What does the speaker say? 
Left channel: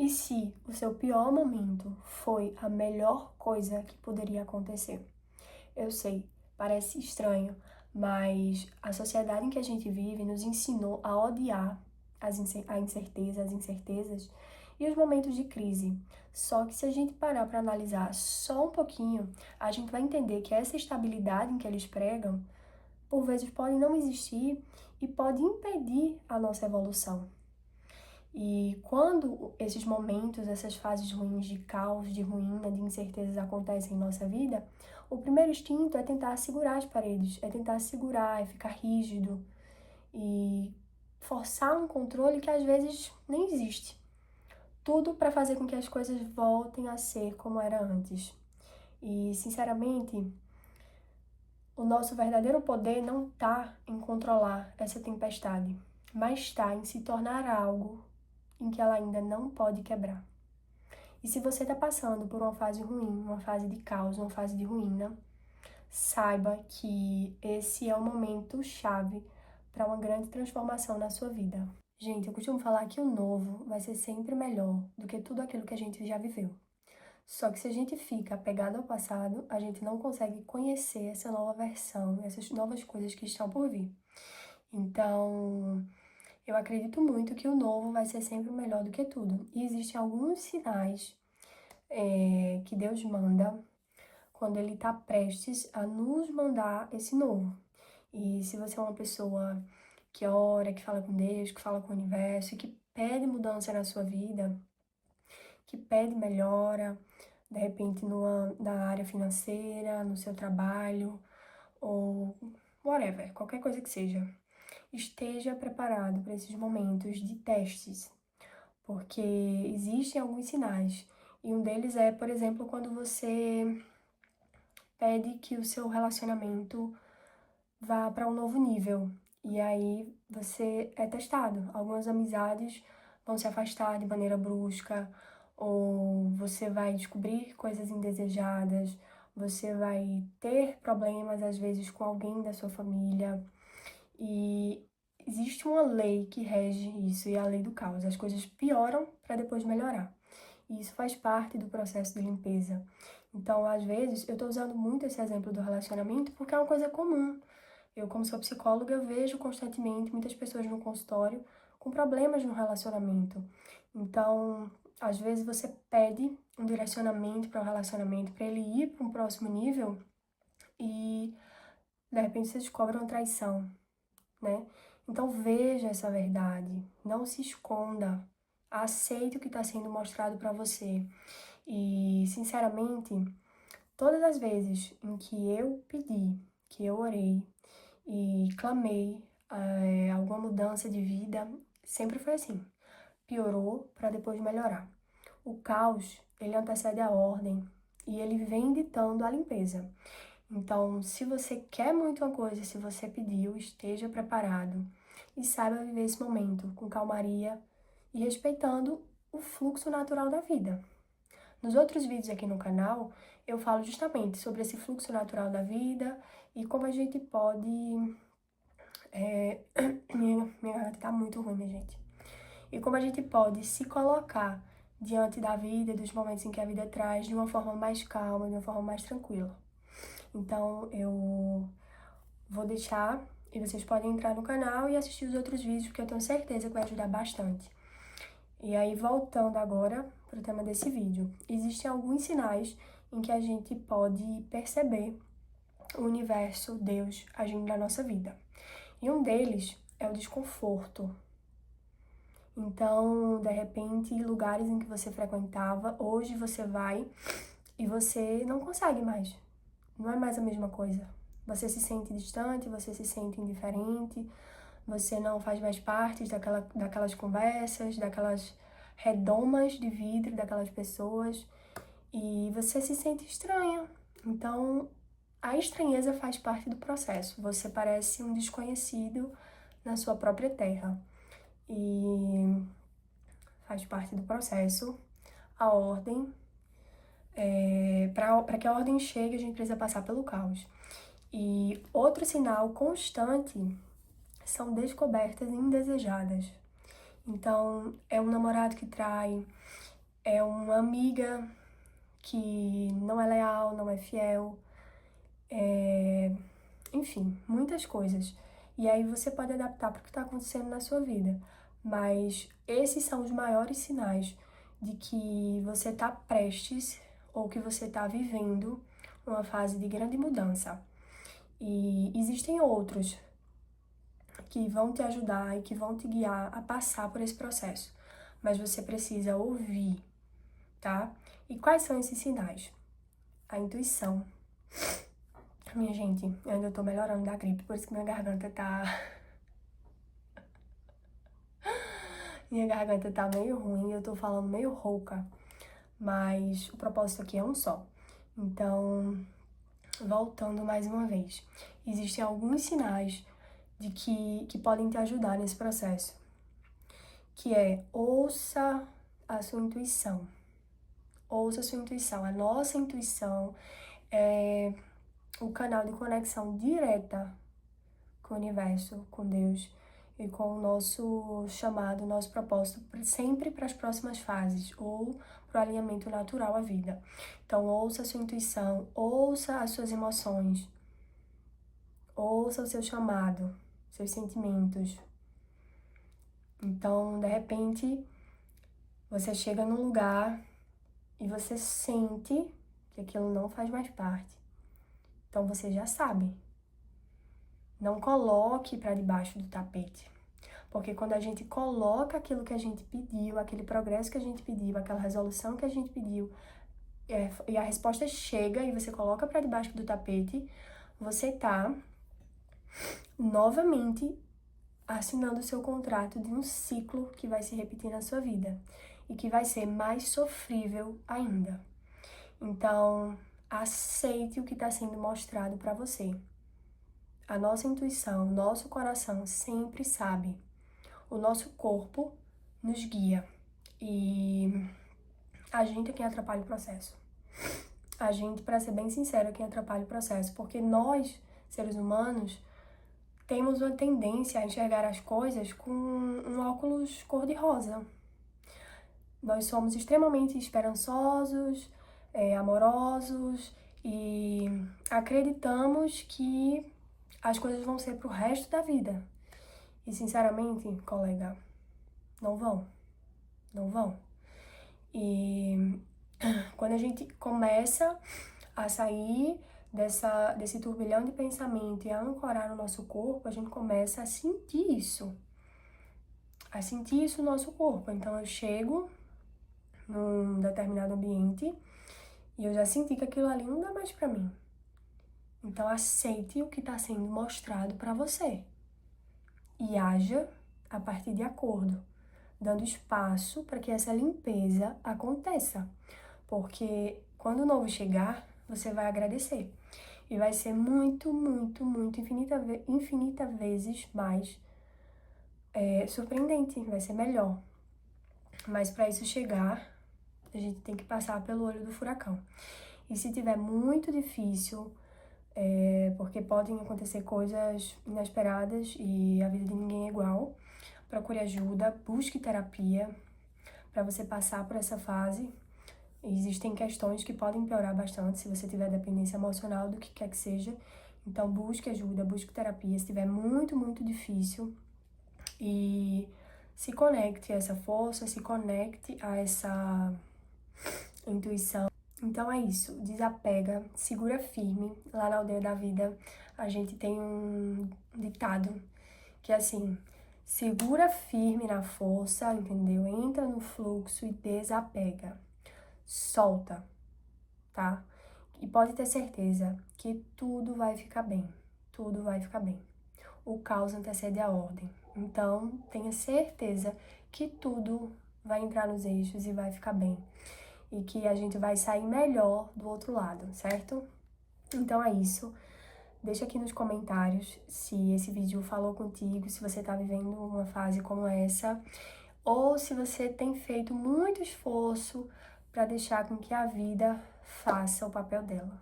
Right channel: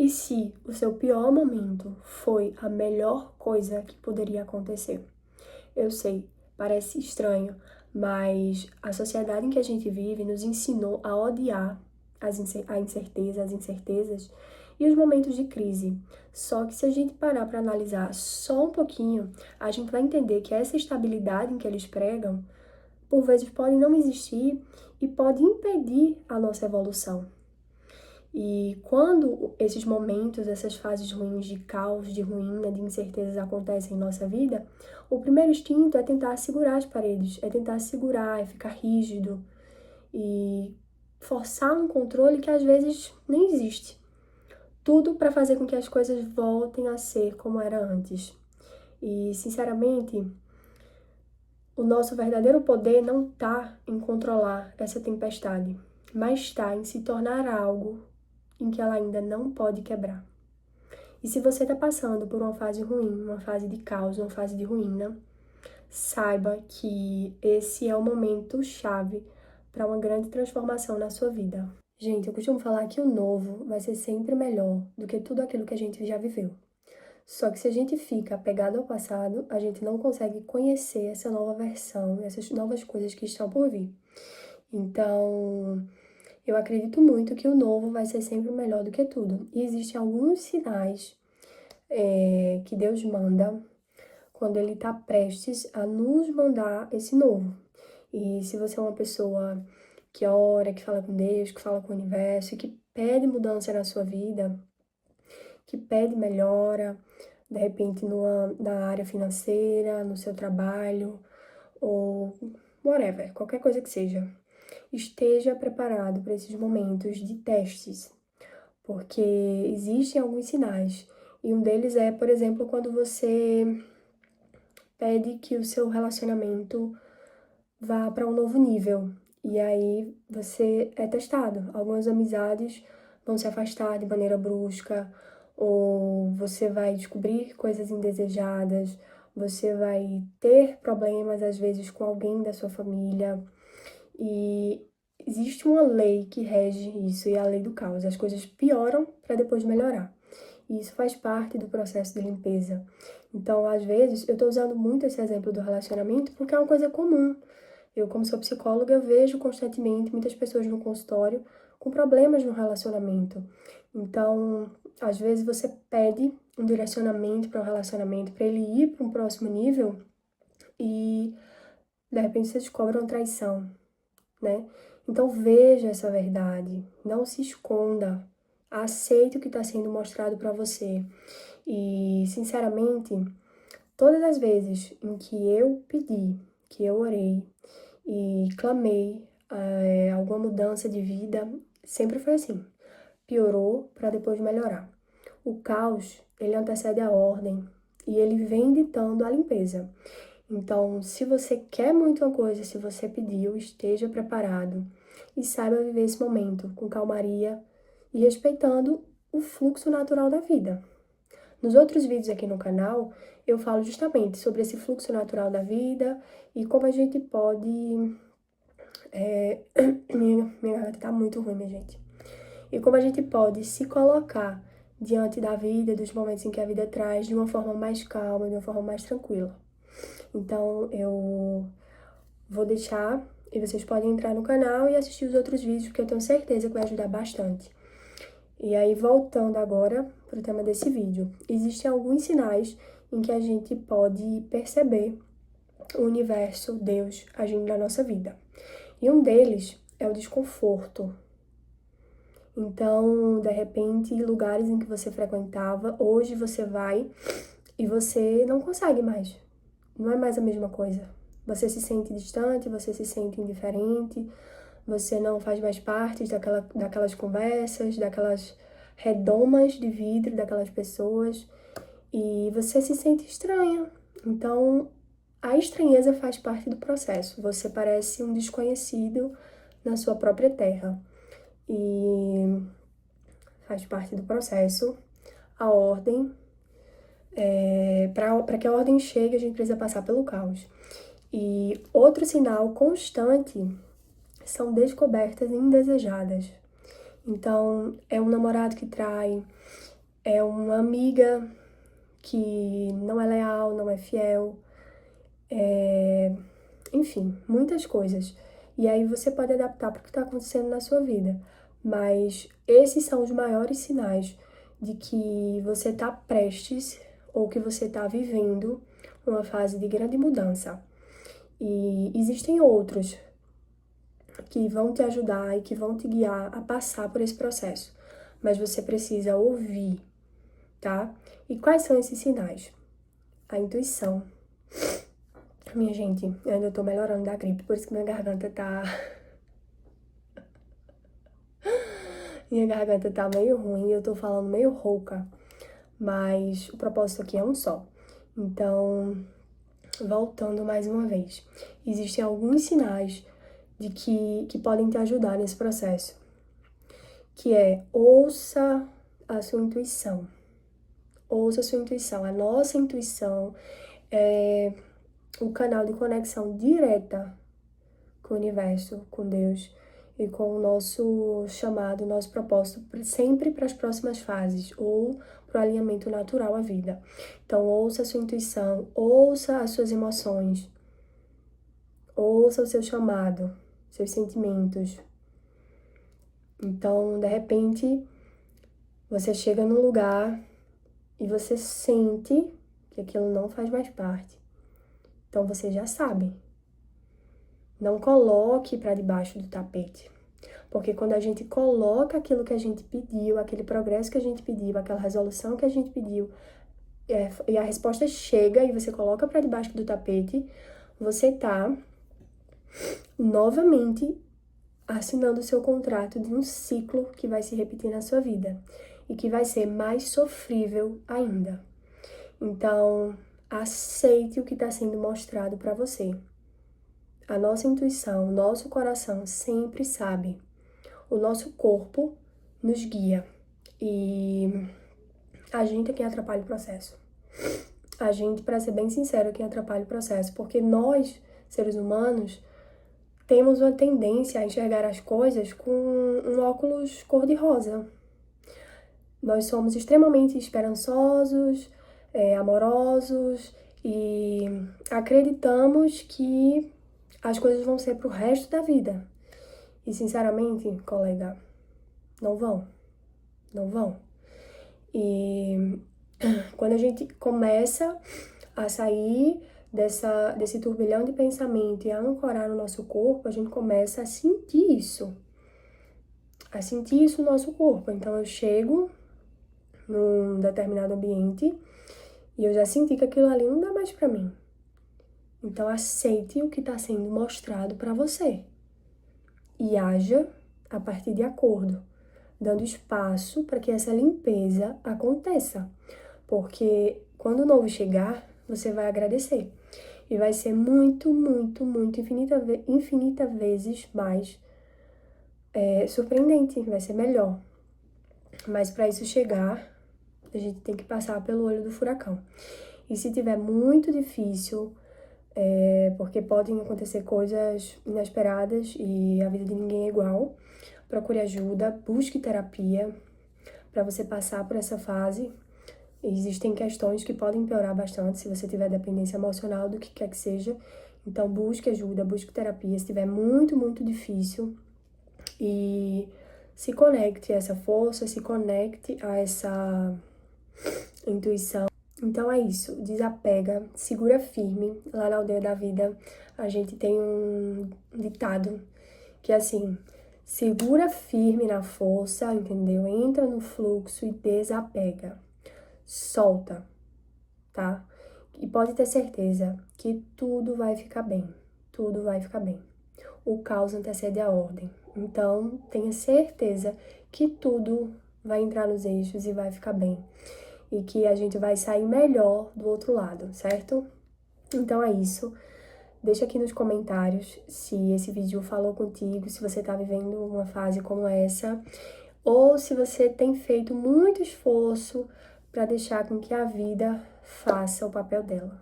E se o seu pior momento foi a melhor coisa que poderia acontecer? Eu sei, parece estranho, mas a sociedade em que a gente vive nos ensinou a odiar a incerteza, as incertezas e os momentos de crise. Só que se a gente parar para analisar só um pouquinho, a gente vai entender que essa estabilidade em que eles pregam, por vezes pode não existir e pode impedir a nossa evolução. E quando esses momentos, essas fases ruins de caos, de ruína, de incertezas acontecem em nossa vida, o primeiro instinto é tentar segurar as paredes, é tentar segurar, é ficar rígido e forçar um controle que às vezes nem existe. Tudo para fazer com que as coisas voltem a ser como era antes. E, sinceramente, o nosso verdadeiro poder não está em controlar essa tempestade, mas está em se tornar algo em que ela ainda não pode quebrar. E se você está passando por uma fase ruim, uma fase de caos, uma fase de ruína, saiba que esse é o momento chave para uma grande transformação na sua vida. Gente, eu costumo falar que o novo vai ser sempre melhor do que tudo aquilo que a gente já viveu. Só que se a gente fica apegado ao passado, a gente não consegue conhecer essa nova versão, essas novas coisas que estão por vir. Então, eu acredito muito que o novo vai ser sempre melhor do que tudo. E existem alguns sinais que Deus manda quando Ele está prestes a nos mandar esse novo. E se você é uma pessoa que ora, que fala com Deus, que fala com o universo, que pede mudança na sua vida, que pede melhora, de repente na área financeira, no seu trabalho, ou whatever, qualquer coisa que seja, esteja preparado para esses momentos de testes, porque existem alguns sinais. E um deles é, por exemplo, quando você pede que o seu relacionamento vá para um novo nível. E aí você é testado. Algumas amizades vão se afastar de maneira brusca, ou você vai descobrir coisas indesejadas, você vai ter problemas às vezes com alguém da sua família. E existe uma lei que rege isso, e é a lei do caos. As coisas pioram para depois melhorar. E isso faz parte do processo de limpeza. Então, às vezes, eu estou usando muito esse exemplo do relacionamento porque é uma coisa comum. Eu, como sou psicóloga, vejo constantemente muitas pessoas no consultório com problemas no relacionamento. Então, às vezes você pede um direcionamento para um relacionamento, para ele ir para um próximo nível e, de repente, você descobre uma traição, né? Então, veja essa verdade, não se esconda, aceite o que está sendo mostrado para você. E, sinceramente, todas as vezes em que eu pedi, que eu orei e clamei alguma mudança de vida, sempre foi assim. Piorou para depois melhorar. O caos, ele antecede a ordem e ele vem ditando a limpeza. Então, se você quer muito uma coisa, se você pediu, esteja preparado e saiba viver esse momento com calmaria e respeitando o fluxo natural da vida. Nos outros vídeos aqui no canal, eu falo justamente sobre esse fluxo natural da vida e como a gente pode... Minha garganta tá muito ruim, minha gente. E como a gente pode se colocar diante da vida, dos momentos em que a vida traz, de uma forma mais calma, de uma forma mais tranquila. Então, eu vou deixar e vocês podem entrar no canal e assistir os outros vídeos, porque eu tenho certeza que vai ajudar bastante. E aí, voltando agora para o tema desse vídeo, existem alguns sinais em que a gente pode perceber o universo, Deus, agindo na nossa vida. E um deles é o desconforto. Então, de repente, lugares em que você frequentava, hoje você vai e você não consegue mais. Não é mais a mesma coisa. Você se sente distante, você se sente indiferente, você não faz mais parte daquelas conversas, daquelas redomas de vidro daquelas pessoas e você se sente estranha. Então, a estranheza faz parte do processo. Você parece um desconhecido na sua própria terra e faz parte do processo. A ordem, para que a ordem chegue, a gente precisa passar pelo caos. E outro sinal constante são descobertas indesejadas. Então, é um namorado que trai, é uma amiga que não é leal, não é fiel, enfim, muitas coisas. E aí você pode adaptar para o que está acontecendo na sua vida. Mas esses são os maiores sinais de que você está prestes ou que você está vivendo uma fase de grande mudança. E existem outros que vão te ajudar e que vão te guiar a passar por esse processo. Mas você precisa ouvir, tá? E quais são esses sinais? A intuição. Minha gente, eu ainda tô melhorando da gripe, por isso que minha garganta tá... Minha garganta tá meio ruim, eu tô falando meio rouca. Mas o propósito aqui é um só. Então, voltando mais uma vez. Existem alguns sinais de que podem te ajudar nesse processo. Que é, ouça a sua intuição. Ouça a sua intuição. A nossa intuição é o canal de conexão direta com o universo, com Deus e com o nosso chamado, nosso propósito, sempre para as próximas fases ou para o alinhamento natural à vida. Então, ouça a sua intuição, ouça as suas emoções, ouça o seu chamado, seus sentimentos. Então, de repente, você chega num lugar e você sente que aquilo não faz mais parte. Então, você já sabe. Não coloque para debaixo do tapete. Porque quando a gente coloca aquilo que a gente pediu, aquele progresso que a gente pediu, aquela resolução que a gente pediu, e a resposta chega e você coloca para debaixo do tapete, você tá novamente assinando o seu contrato de um ciclo que vai se repetir na sua vida e que vai ser mais sofrível ainda. Então, aceite o que está sendo mostrado para você. A nossa intuição, o nosso coração sempre sabe. O nosso corpo nos guia e a gente é quem atrapalha o processo. A gente, para ser bem sincero, é quem atrapalha o processo, porque nós, seres humanos, temos uma tendência a enxergar as coisas com um óculos cor-de-rosa. Nós somos extremamente esperançosos, amorosos e acreditamos que as coisas vão ser pro resto da vida. E, sinceramente, colega, não vão. Não vão. E quando a gente começa a sair desse turbilhão de pensamento e a ancorar no nosso corpo, a gente começa a sentir isso. A sentir isso no nosso corpo. Então, eu chego num determinado ambiente e eu já senti que aquilo ali não dá mais pra mim. Então, aceite o que está sendo mostrado pra você. E haja a partir de acordo, dando espaço para que essa limpeza aconteça. Porque quando o novo chegar, você vai agradecer. E vai ser muito, muito, muito, infinita vezes mais surpreendente, vai ser melhor. Mas para isso chegar, a gente tem que passar pelo olho do furacão. E se tiver muito difícil, porque podem acontecer coisas inesperadas e a vida de ninguém é igual, procure ajuda, busque terapia para você passar por essa fase. Existem questões que podem piorar bastante se você tiver dependência emocional do que quer que seja. Então, busque ajuda, busque terapia se estiver muito, muito difícil. E se conecte a essa força, se conecte a essa intuição. Então é isso, desapega, segura firme. Lá na Aldeia da Vida, a gente tem um ditado que é assim: segura firme na força, entendeu? Entra no fluxo e desapega. Solta, tá? E pode ter certeza que tudo vai ficar bem. Tudo vai ficar bem. O caos antecede a ordem. Então, tenha certeza que tudo vai entrar nos eixos e vai ficar bem. E que a gente vai sair melhor do outro lado, certo? Então é isso. Deixa aqui nos comentários se esse vídeo falou contigo, se você tá vivendo uma fase como essa, ou se você tem feito muito esforço para deixar com que a vida faça o papel dela.